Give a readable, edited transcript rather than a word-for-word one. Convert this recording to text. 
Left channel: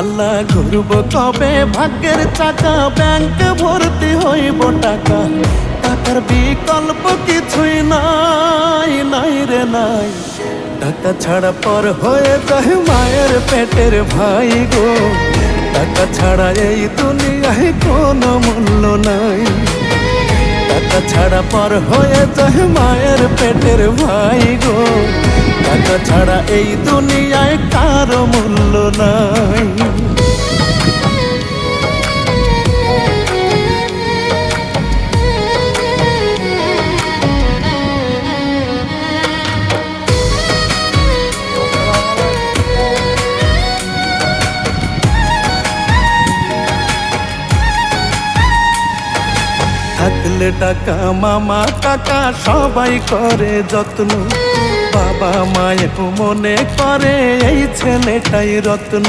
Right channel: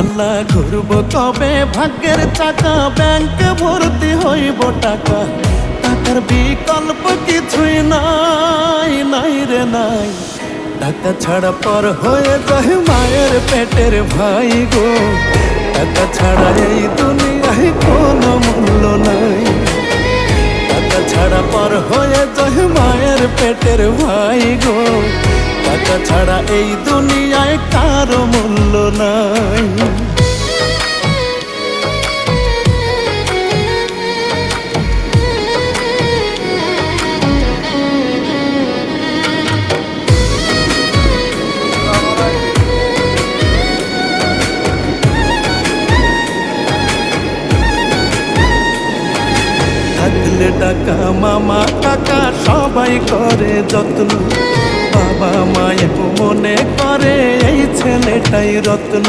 আল্লাহ ঘুরব কবে ভাগ্যের চাকা, ব্যাংকে ভর্তি হইব টাকা, টাকার বিকল্প কিছুই নাই, নাই রে নাই। টাকা ছাড়া পর হয়ে যায় মায়ের পেটের ভাই গো, টাকা ছাড়া এই দুনিয়ায় কোনো মূল্য নাই। টাকা ছাড়া পর হয়ে যায় মায়ের পেটের ভাই গো, টাকা ছাড়া এই দুনিয়ায় কারো মূল্য নাই। থাকলে টাকা মামা কাকা সবাই করে যত্ন, বাবা মায়ের মনে করে এই ছেলেটাই রত্ন।